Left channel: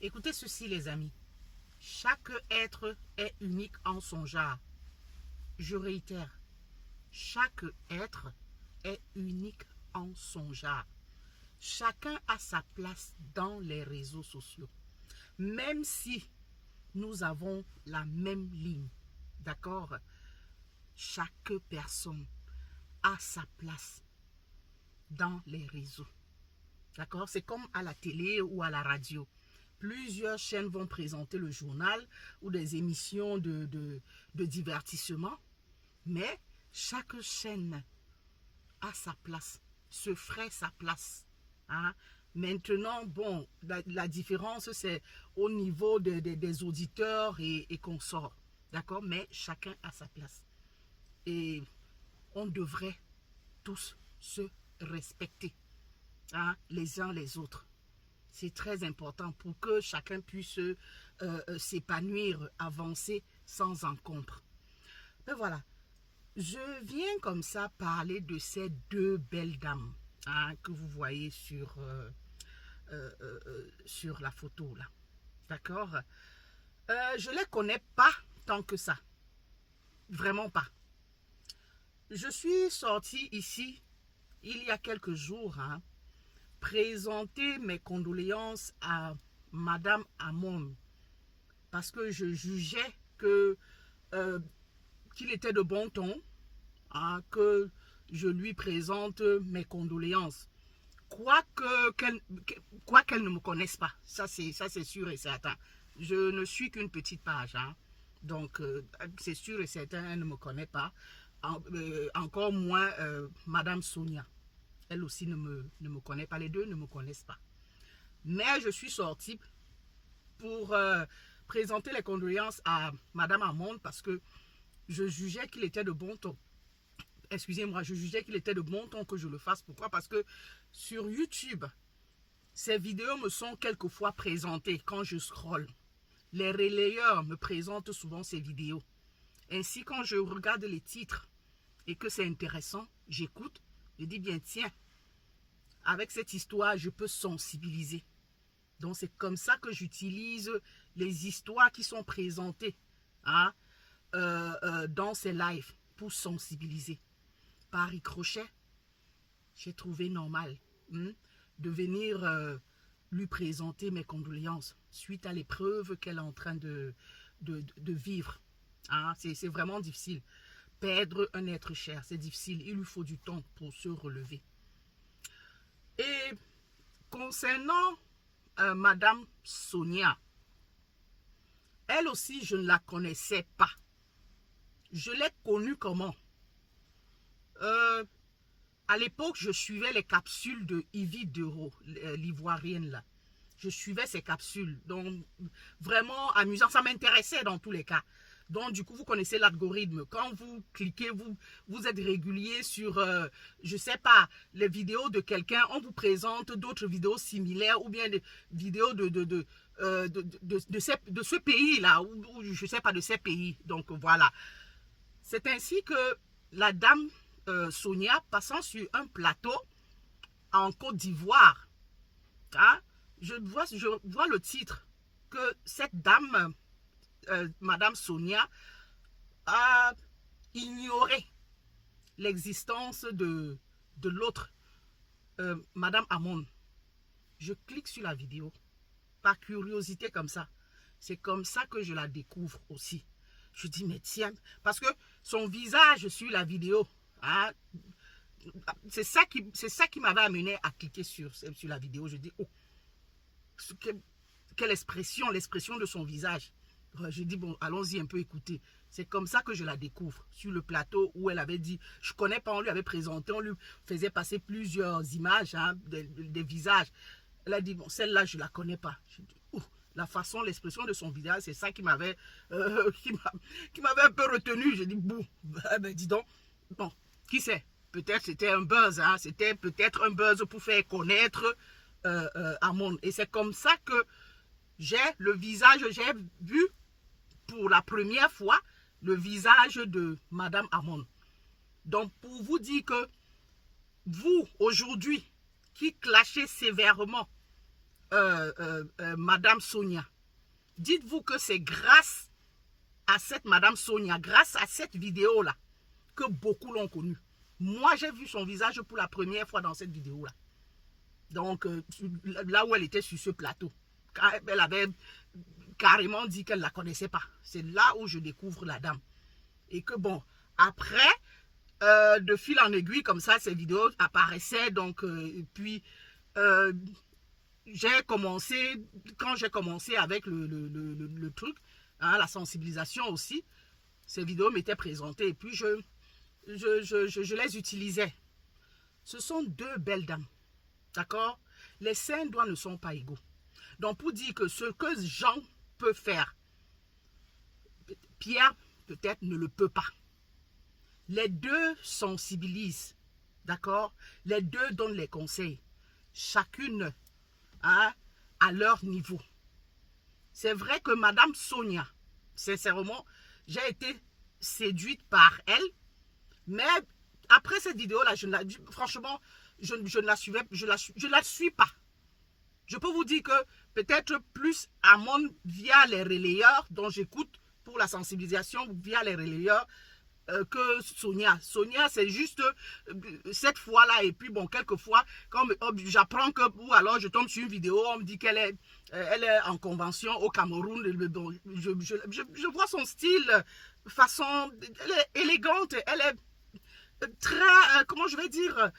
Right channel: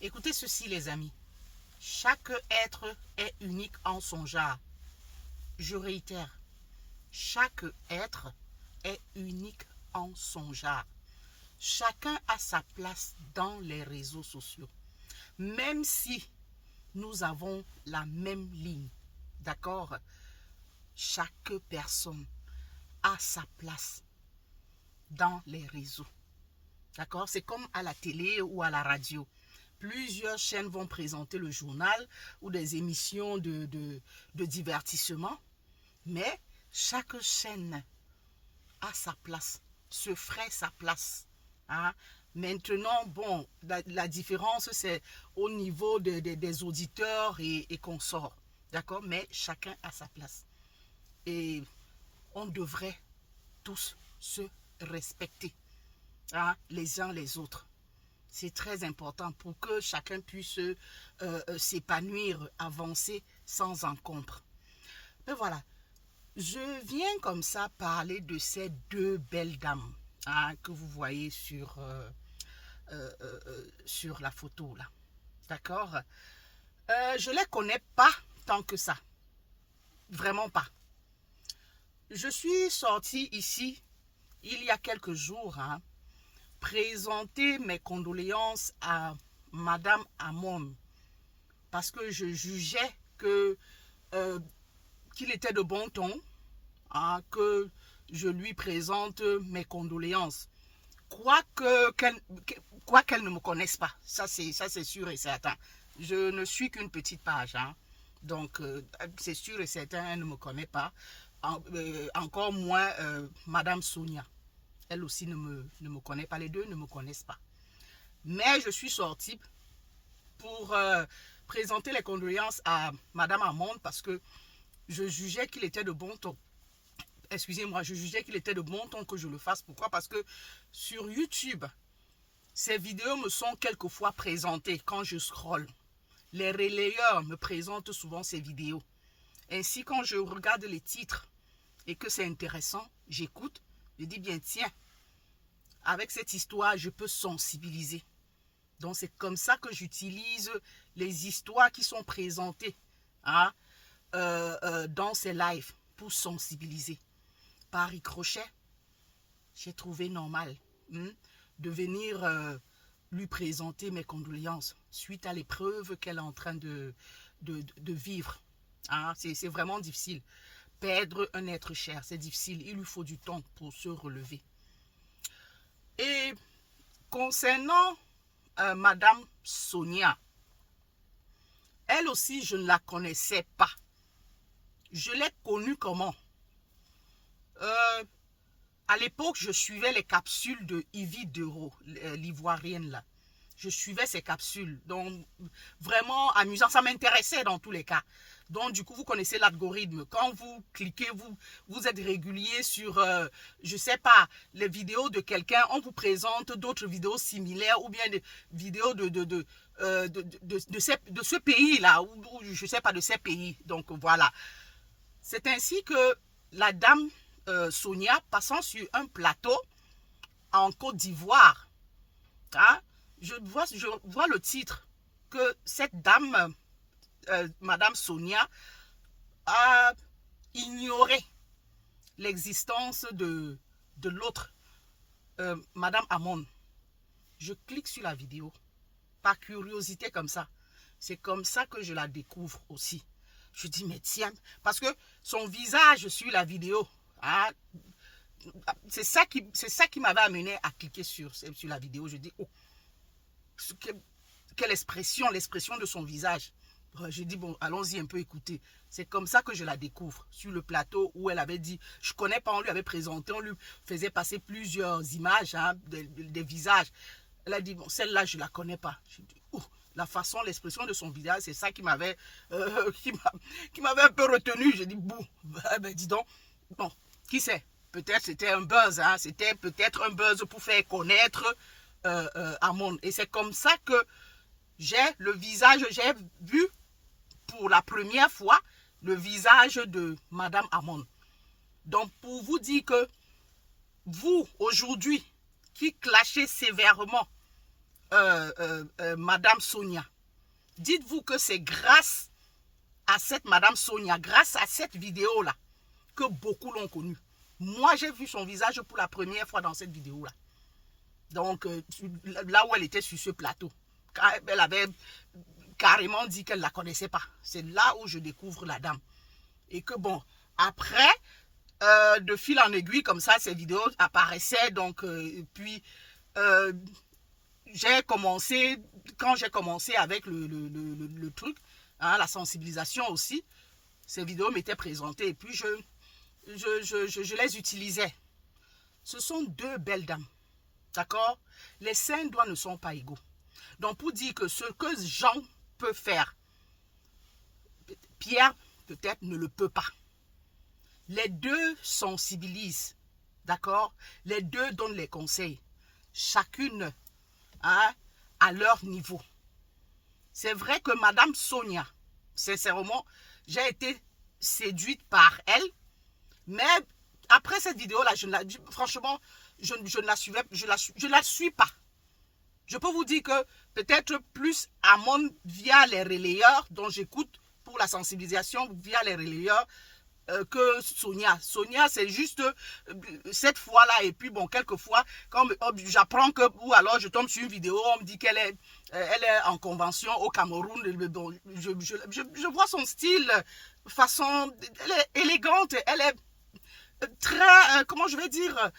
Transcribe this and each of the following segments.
Écoutez ceci, les amis. Chaque être est unique en son genre. Je réitère, chaque être est unique en son genre. Chacun a sa place dans les réseaux sociaux. Même si nous avons la même ligne, d'accord? Chaque personne a sa place dans les réseaux. D'accord? C'est comme à la télé ou à la radio. Plusieurs chaînes vont présenter le journal ou des émissions de divertissement, mais chaque chaîne a sa place, se ferait sa place. Hein? Maintenant, bon, la différence, c'est au niveau des auditeurs et consorts. D'accord? Mais chacun a sa place. Et on devrait tous se respecter, hein, les uns les autres. C'est très important pour que chacun puisse s'épanouir, avancer sans encombre. Mais voilà, je viens comme ça parler de ces deux belles dames, hein, que vous voyez sur la photo là. D'accord? Je ne les connais pas tant que ça. Vraiment pas. Je suis sortie ici il y a quelques jours, hein, présenter mes condoléances à Madame Amon parce que je jugeais qu'il était de bon ton, hein, que je lui présente mes condoléances. Quoi qu'elle ne me connaisse pas, ça c'est sûr et certain. Je ne suis qu'une petite page, hein. Donc c'est sûr et certain, elle ne me connaît pas. Encore moins Madame Sonia. Elle aussi ne me connaît pas, les deux ne me connaissent pas. Mais je suis sortie pour présenter les condoléances à Madame Amon parce que je jugeais qu'il était de bon ton. Excusez-moi, je jugeais qu'il était de bon ton que je le fasse. Pourquoi? Parce que sur YouTube, ces vidéos me sont quelquefois présentées quand je scrolle. Les relayeurs me présentent souvent ces vidéos. Ainsi, quand je regarde les titres et que c'est intéressant, j'écoute, je dis bien tiens, avec cette histoire, je peux sensibiliser. Donc c'est comme ça que j'utilise les histoires qui sont présentées, hein, dans ces lives pour sensibiliser. Par ricochet, j'ai trouvé normal de venir lui présenter mes condoléances suite à l'épreuve qu'elle est en train de vivre. Hein, c'est vraiment difficile. Perdre un être cher, c'est difficile. Il lui faut du temps pour se relever. Et concernant Madame Sonia, elle aussi, je ne la connaissais pas. Je l'ai connue comment? À l'époque, je suivais les capsules de Yvie Dero, l'ivoirienne là. Je suivais ses capsules. Donc, vraiment amusant. Ça m'intéressait dans tous les cas. Donc, du coup, vous connaissez l'algorithme. Quand vous cliquez, vous êtes régulier sur, je ne sais pas, les vidéos de quelqu'un. On vous présente d'autres vidéos similaires ou bien des vidéos de ce pays-là. Ou je ne sais pas, de ces pays. Donc, voilà. C'est ainsi que la dame Sonia, passant sur un plateau en Côte d'Ivoire, hein, je vois le titre que cette dame, Madame Sonia, a ignoré l'existence de l'autre, Madame Amon. Je clique sur la vidéo, par curiosité comme ça. C'est comme ça que je la découvre aussi. Je dis, mais tiens, parce que son visage sur la vidéo, hein, c'est ça qui m'avait amené à cliquer sur la vidéo. Je dis, oh, quelle expression, l'expression de son visage. Je dis, bon, allons-y un peu écouter. C'est comme ça que je la découvre, sur le plateau où elle avait dit, je ne connais pas, on lui avait présenté, on lui faisait passer plusieurs images, hein, des visages. Elle a dit, bon, celle-là, je ne la connais pas. Je dis, oh, la façon, l'expression de son visage, c'est ça qui m'avait un peu retenu. J'ai dit, bon, ben, dis donc, bon, qui sait? Peut-être c'était un buzz, hein, c'était peut-être un buzz pour faire connaître Amon. Et c'est comme ça que j'ai vu pour la première fois le visage de Madame Amon. Donc, pour vous dire que vous, aujourd'hui, qui clashez sévèrement Madame Sonia. Dites-vous que c'est grâce à cette Madame Sonia, grâce à cette vidéo-là, que beaucoup l'ont connue. Moi, j'ai vu son visage pour la première fois dans cette vidéo-là. Donc, là où elle était sur ce plateau, elle avait carrément dit qu'elle ne la connaissait pas. C'est là où je découvre la dame. Et que bon, après, de fil en aiguille, comme ça, ces vidéos apparaissaient. Donc, puis, j'ai commencé, quand j'ai commencé avec le truc, hein, la sensibilisation aussi, ces vidéos m'étaient présentées. Et puis, je les utilisais. Ce sont deux belles dames. D'accord? Les seins doigts ne sont pas égaux. Donc, pour dire que ce que Jean peut faire, Pierre peut-être ne le peut pas. Les deux sensibilisent. D'accord? Les deux donnent les conseils. Chacune, hein, à leur niveau. C'est vrai que Madame Sonia, sincèrement, j'ai été séduite par elle. Mais après cette vidéo-là, franchement, je ne la suivais, je la suis pas. Je peux vous dire que peut-être plus Amon via les relayeurs dont j'écoute pour la sensibilisation via les relayeurs que Sonia. Sonia, c'est juste cette fois-là. Et puis bon, quelquefois, quand j'apprends que, ou alors je tombe sur une vidéo, on me dit qu'elle est, elle est en convention au Cameroun. Bon, je vois son style, façon, elle est élégante, elle est très, comment je vais dire,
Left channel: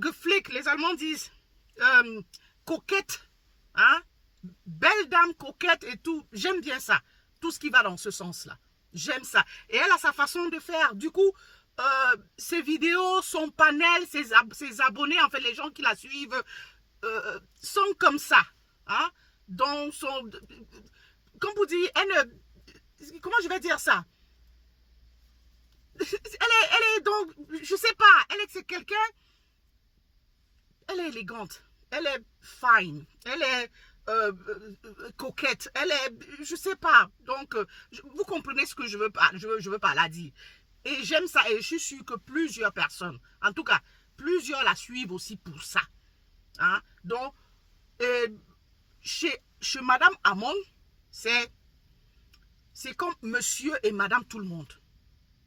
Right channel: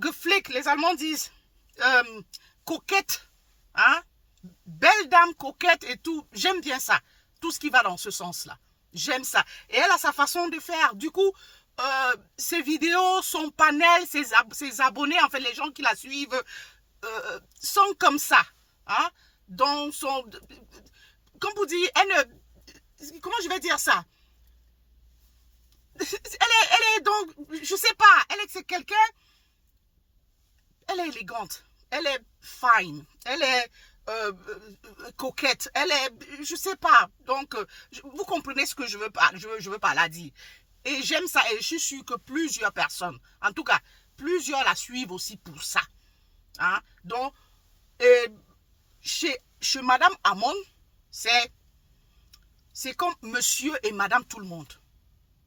geflick, les Allemands disent, coquette, hein, belle dame coquette et tout. J'aime bien ça, tout ce qui va dans ce sens-là. J'aime ça. Et elle a sa façon de faire. Du coup, ses vidéos, son panel, ses abonnés, en fait, les gens qui la suivent, sont comme ça. Hein? Donc, comme vous dites, comment je vais dire ça? Elle est donc, je sais pas, c'est quelqu'un, elle est élégante, elle est fine, elle est coquette, elle est, je sais pas, donc vous comprenez ce que je veux pas la dire. Et j'aime ça, et je suis sûre que plusieurs personnes, en tout cas, plusieurs la suivent aussi pour ça. Hein? Donc, chez Madame Amon, c'est comme monsieur et madame tout le monde.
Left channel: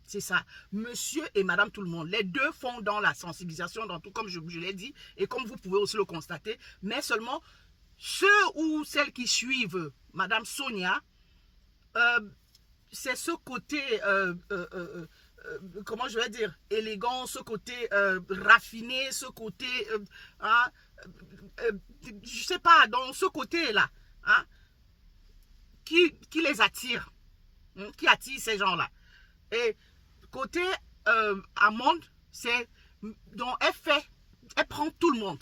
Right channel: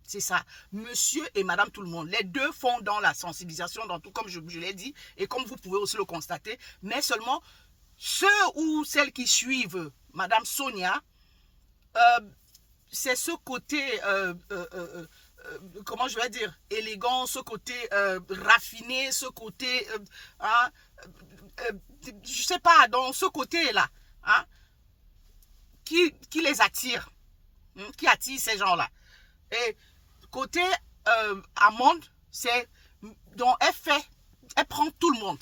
C'est ça, monsieur et madame tout le monde. Les deux font dans la sensibilisation, dans tout, comme je l'ai dit, et comme vous pouvez aussi le constater, mais seulement ceux ou celles qui suivent madame Sonia, c'est ce côté, comment je vais dire, élégant, ce côté raffiné, ce côté, hein, je sais pas, dans ce côté-là, hein, qui les attire, hein, qui attire ces gens-là. Et côté Amande, c'est, donc elle prend tout le monde.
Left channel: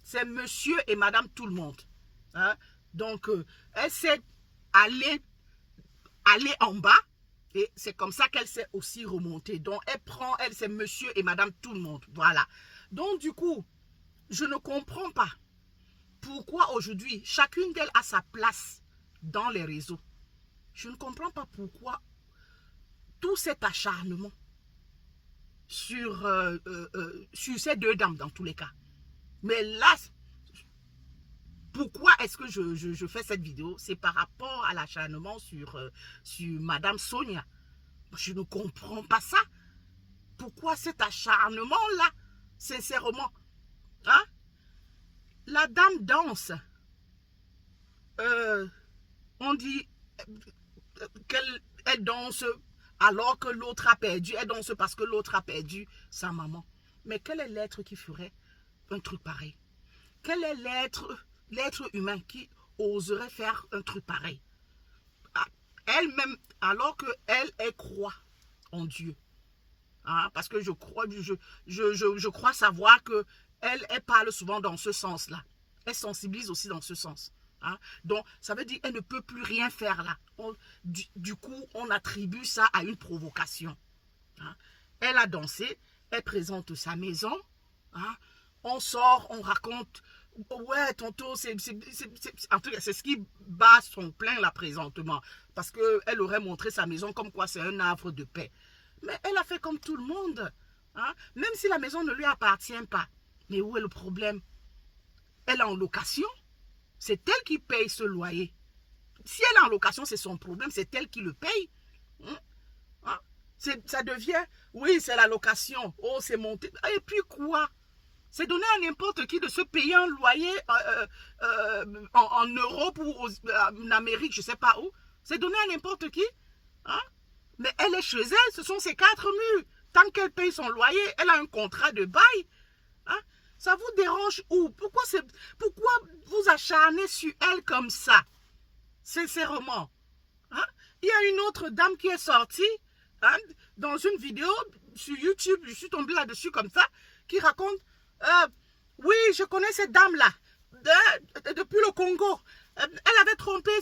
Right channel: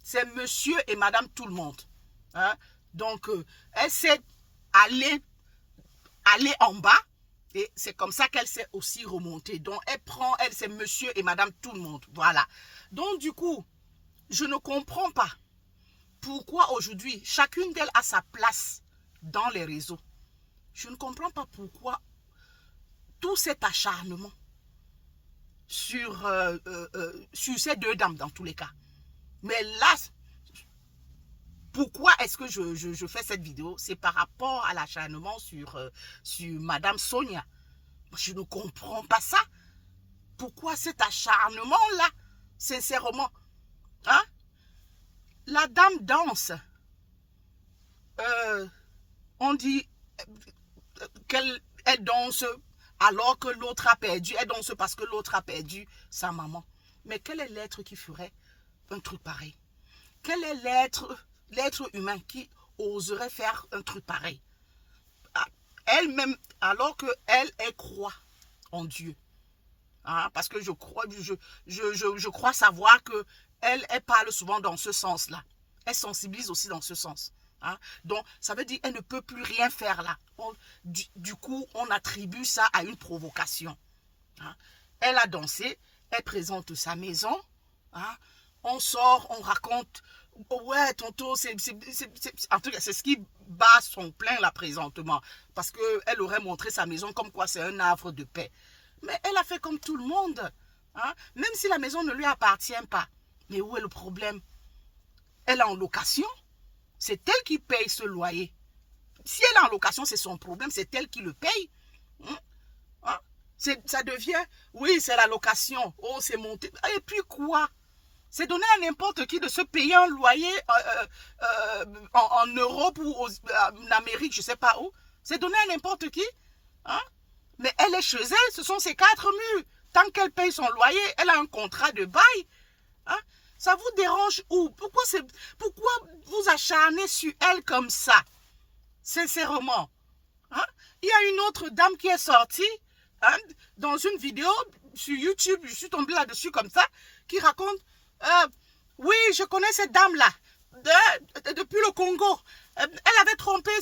C'est monsieur et madame tout le monde. Hein? Donc, elle sait aller en bas et c'est comme ça qu'elle s'est aussi remontée. Donc, elle c'est monsieur et madame tout le monde. Voilà. Donc, du coup, je ne comprends pas pourquoi aujourd'hui, chacune d'elles a sa place dans les réseaux. Je ne comprends pas pourquoi tout cet acharnement sur ces deux dames dans tous les cas. Mais là, pourquoi est-ce que je fais cette vidéo? C'est par rapport à l'acharnement sur Madame Sonia. Je ne comprends pas ça. Pourquoi cet acharnement-là? Sincèrement. Hein? La dame danse. On dit qu'elle danse alors que l'autre a perdu. Elle danse parce que l'autre a perdu sa maman. Mais quel est l'être qui ferait un truc pareil? Quel est l'être humain qui oserait faire un truc pareil? Elle-même, alors qu'elle croit en Dieu. Hein, parce que je crois savoir qu'elle parle souvent dans ce sens-là. Elle sensibilise aussi dans ce sens. Hein? Donc, ça veut dire qu'elle ne peut plus rien faire là. Du coup, on attribue ça à une provocation. Hein? Elle a dansé, elle présente sa maison. Hein? On sort, on raconte. Ouais, tonton, en tout cas, c'est ce qui bat son plein là présentement. Parce qu'elle aurait montré sa maison comme quoi c'est un havre de paix. Mais elle a fait comme tout le monde. Hein? Même si la maison ne lui appartient pas. Mais où est le problème? elle est en location. C'est elle qui paye ce loyer. Si elle est en location, c'est son problème, c'est elle qui le paye. Hein? Ça devient, oui, c'est la location. Oh, c'est monté. Et puis quoi? C'est donné à n'importe qui de se payer un loyer en Europe ou en Amérique, je ne sais pas où. C'est donné à n'importe qui. Hein? Mais elle est chez elle, ce sont ses 4 murs. Tant qu'elle paye son loyer, elle a un contrat de bail. Hein? Ça vous dérange où? Pourquoi vous acharnez sur elle comme ça? Sincèrement. Hein? Il y a une autre dame qui est sortie dans une vidéo sur YouTube, je suis tombée là-dessus comme ça, qui raconte, oui, je connais cette dame-là, depuis le Congo. Elle avait trompé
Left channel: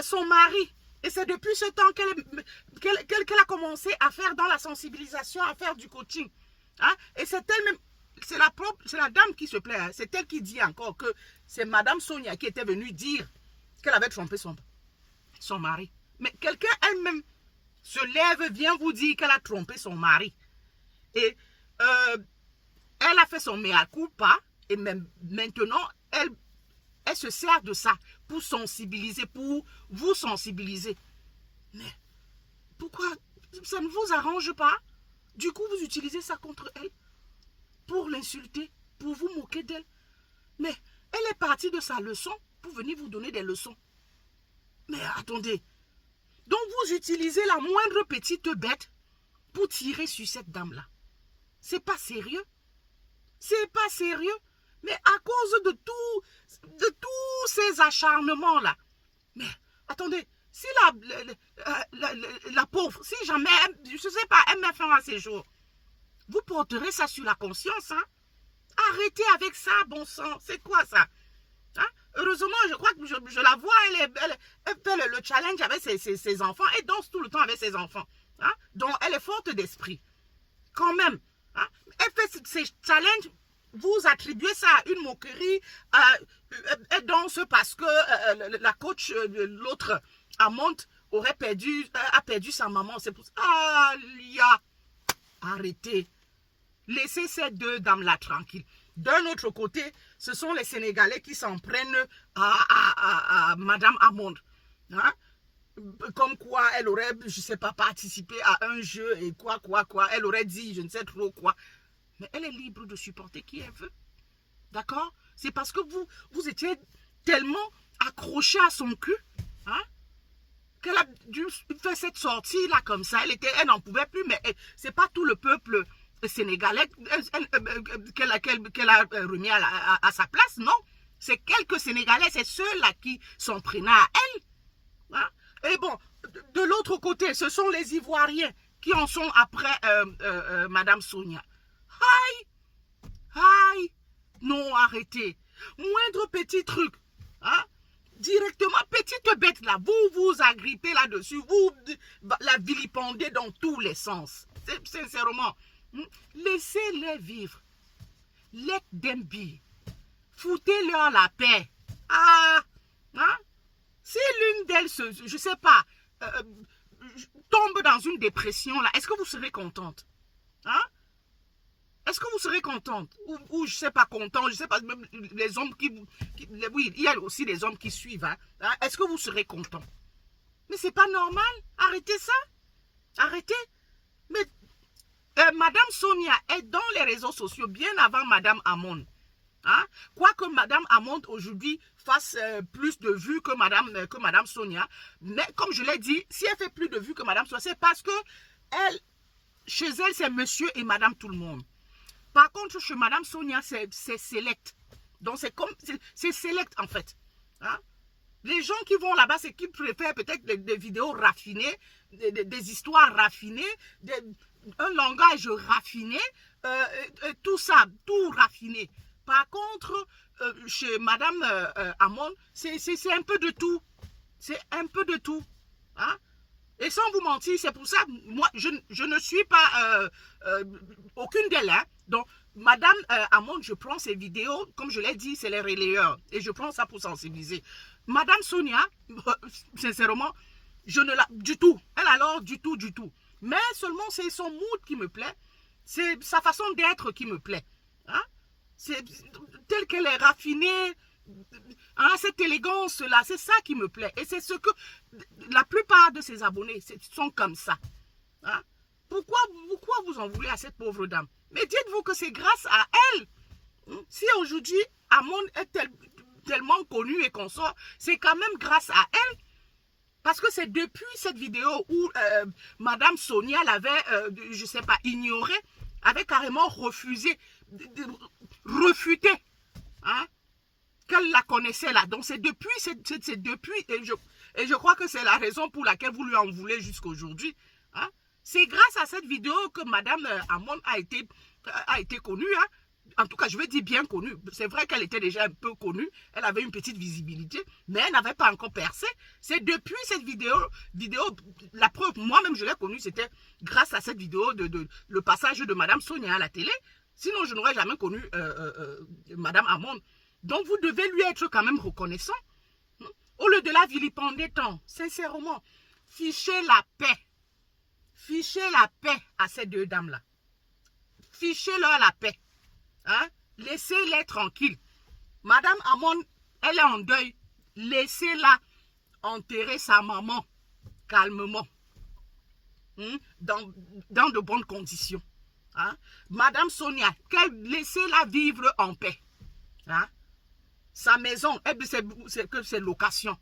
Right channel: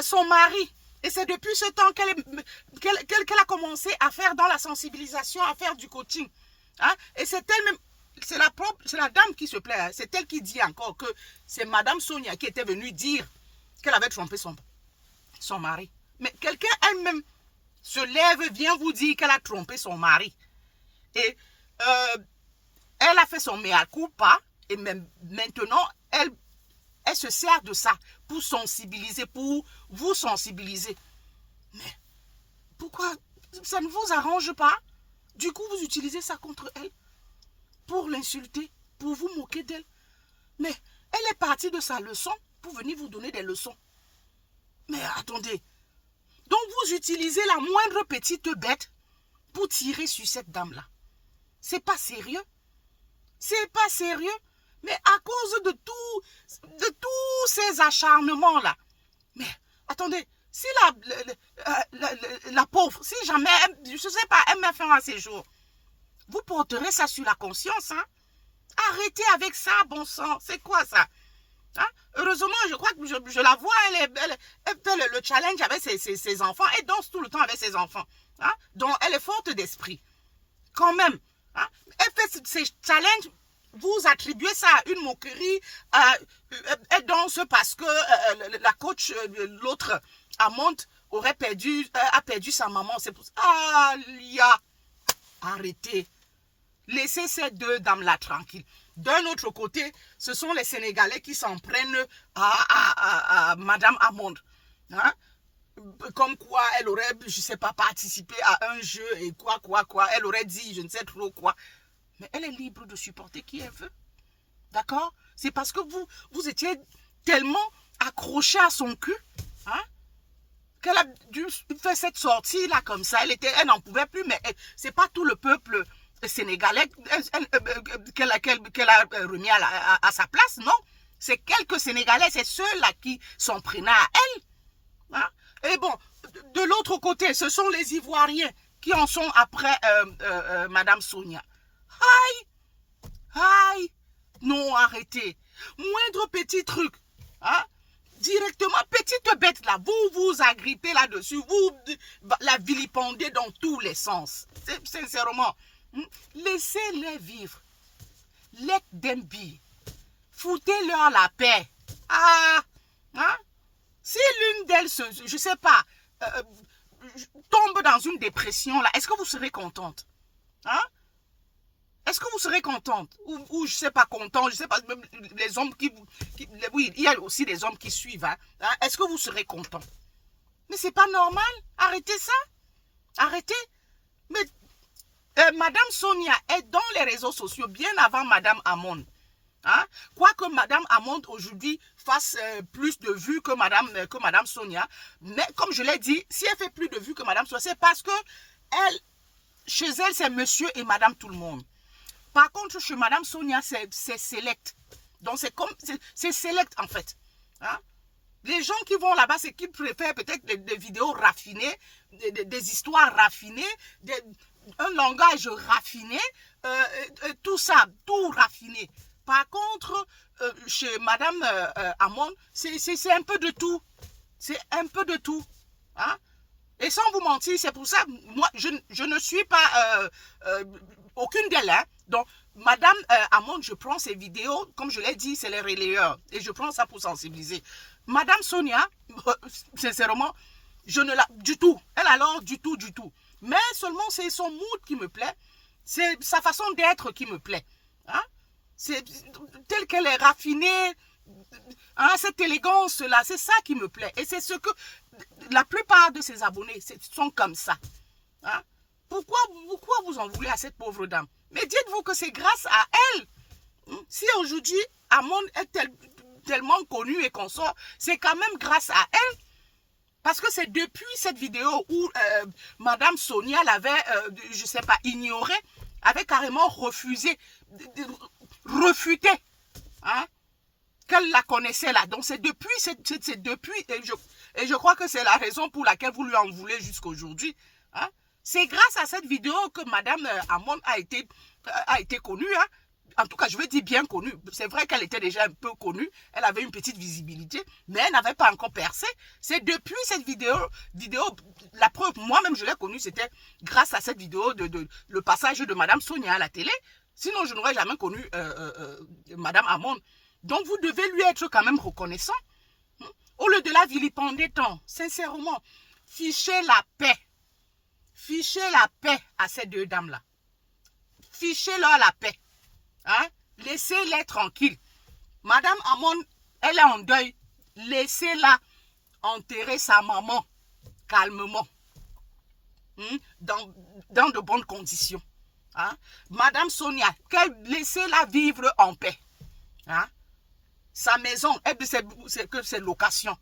son mari. Et c'est depuis ce temps qu'elle a commencé à faire dans la sensibilisation, à faire du coaching. Hein? Et c'est elle-même, c'est la dame qui se plaît. Hein? C'est elle qui dit encore que c'est Madame Sonia qui était venue dire qu'elle avait trompé son mari. Mais quelqu'un elle-même se lève, vient vous dire qu'elle a trompé son mari. Et elle a fait son mea culpa. Et même maintenant, elle se sert de ça pour sensibiliser, pour vous sensibiliser. Mais pourquoi ça ne vous arrange pas? Du coup, vous utilisez ça contre elle pour l'insulter, pour vous moquer d'elle. Mais elle est partie de sa leçon pour venir vous donner des leçons. Mais attendez. Donc vous utilisez la moindre petite bête pour tirer sur cette dame-là. C'est pas sérieux. C'est pas sérieux. Mais à cause de tous ces acharnements-là. Mais attendez, si la pauvre, si jamais, je ne sais pas, elle met fin à ses jours, vous porterez ça sur la conscience. Hein? Arrêtez avec ça, bon sang. C'est quoi ça? Hein? Heureusement, je crois que je la vois, elle fait le challenge avec ses enfants. Elle danse tout le temps avec ses enfants. Hein? Donc, elle est forte d'esprit. Quand même. Hein? Elle fait ses challenges. Vous attribuez ça à une moquerie. Elle danse parce que la coach, l'autre, Amont, a perdu sa maman. C'est pour ça. Ah, Lia, arrêtez. Laissez ces deux dames-là tranquilles. D'un autre côté, ce sont les Sénégalais qui s'en prennent à Madame Amond. Hein? Comme quoi, elle aurait, je ne sais pas, participé à un jeu et quoi. Elle aurait dit, je ne sais trop quoi. Mais elle est libre de supporter qui elle veut. D'accord? C'est parce que vous étiez tellement accroché à son cul, hein, qu'elle a dû faire cette sortie-là comme ça. Elle n'en pouvait plus, mais c'est pas tout le peuple sénégalais qu'elle a remis à sa place, non. C'est quelques Sénégalais, c'est ceux-là qui s'en prenaient à elle. Hein? Et bon, de l'autre côté, ce sont les Ivoiriens qui en sont après Madame Sonia. Aïe, non, arrêtez. Moindre petit truc, hein? Directement, petite bête là, vous agrippez là-dessus, vous la vilipendez dans tous les sens. Sincèrement, laissez-les vivre. Let them be. Foutez-leur la paix. Ah, hein? Si l'une d'elles, je ne sais pas, tombe dans une dépression là, est-ce que vous serez contente? Hein? Est-ce que vous serez contente? Ou je ne sais pas, content, je ne sais pas, même les hommes oui, il y a aussi des hommes qui suivent. Hein? Est-ce que vous serez content? Mais c'est pas normal. Arrêtez ça. Arrêtez. Mais Madame Sonia est dans les réseaux sociaux bien avant Madame Amon. Hein? Quoique Madame Amon aujourd'hui fasse plus de vues que Madame Sonia. Mais comme je l'ai dit, si elle fait plus de vues que Madame Sonia, c'est parce que chez elle, c'est monsieur et Madame tout le monde. Par contre, chez Madame Sonia, c'est select. Donc, c'est select, en fait. Hein? Les gens qui vont là-bas, c'est qu'ils préfèrent peut-être des vidéos raffinées, des histoires raffinées, un langage raffiné, tout ça, tout raffiné. Par contre, chez Madame Amon, c'est un peu de tout. C'est un peu de tout. Hein? Et sans vous mentir, c'est pour ça, moi, je ne suis pas aucune d'elles. Hein. Donc, Madame Amon, je prends ces vidéos, comme je l'ai dit, c'est les relayeurs. Et je prends ça pour sensibiliser. Madame Sonia, sincèrement, je ne la... Du tout. Elle alors, du tout. Mais seulement, c'est son mood qui me plaît. C'est sa façon d'être qui me plaît. Hein? C'est telle qu'elle est raffinée, hein, cette élégance-là, c'est ça qui me plaît. Et c'est ce que la plupart de ses abonnés sont comme ça. Hein? Pourquoi vous en voulez à cette pauvre dame? Mais dites-vous que c'est grâce à elle. Si aujourd'hui, Amon est tellement connu et qu'on sort, c'est quand même grâce à elle. Parce que c'est depuis cette vidéo où Madame Sonia l'avait, je ne sais pas, ignoré, avait carrément refusé, refuté, hein, qu'elle la connaissait là. Donc c'est depuis, et je crois que c'est la raison pour laquelle vous lui en voulez jusqu'aujourd'hui. Hein. C'est grâce à cette vidéo que Madame Amon a été connue. Hein. En tout cas, je veux dire bien connue. C'est vrai qu'elle était déjà un peu connue. Elle avait une petite visibilité, mais elle n'avait pas encore percé. C'est depuis cette vidéo, la preuve, moi-même je l'ai connue, c'était grâce à cette vidéo le passage de Madame Sonia à la télé. Sinon, je n'aurais jamais connu Madame Amon. Donc, vous devez lui être quand même reconnaissant. Au lieu de la vilipender tant, sincèrement, fichez la paix. Fichez la paix à ces deux dames-là. Fichez-leur la paix. Hein? Laissez-les tranquilles. Madame Amon, elle est en deuil. Laissez-la enterrer sa maman calmement. Dans de bonnes conditions. Hein? Madame Sonia, laissez-la vivre en paix. Hein? Sa maison, c'est location.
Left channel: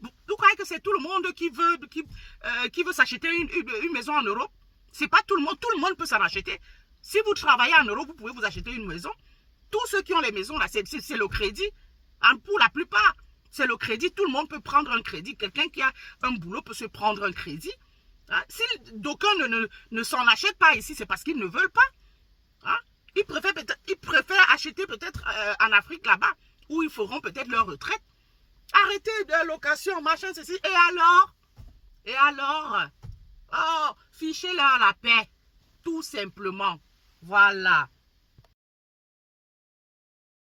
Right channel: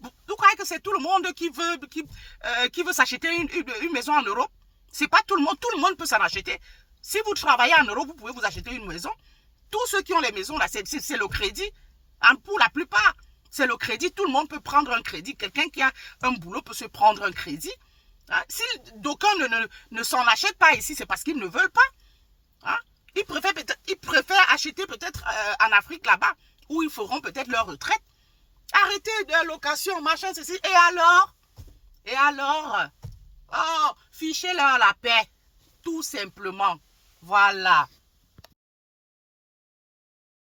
Vous croyez que c'est tout le monde qui veut s'acheter une maison en Europe? C'est pas tout le monde peut s'en acheter. Si vous travaillez en Europe, vous pouvez vous acheter une maison. Tous ceux qui ont les maisons, là, c'est le crédit. Hein, pour la plupart, c'est le crédit. Tout le monde peut prendre un crédit. Quelqu'un qui a un boulot peut se prendre un crédit. Hein, si d'aucuns ne s'en achètent pas ici, c'est parce qu'ils ne veulent pas. Hein, ils préfèrent acheter peut-être en Afrique là-bas, où ils feront peut-être leur retraite. Arrêtez de location, machin, ceci. Et alors oh, fichez-leur la paix. Tout simplement. Voilà.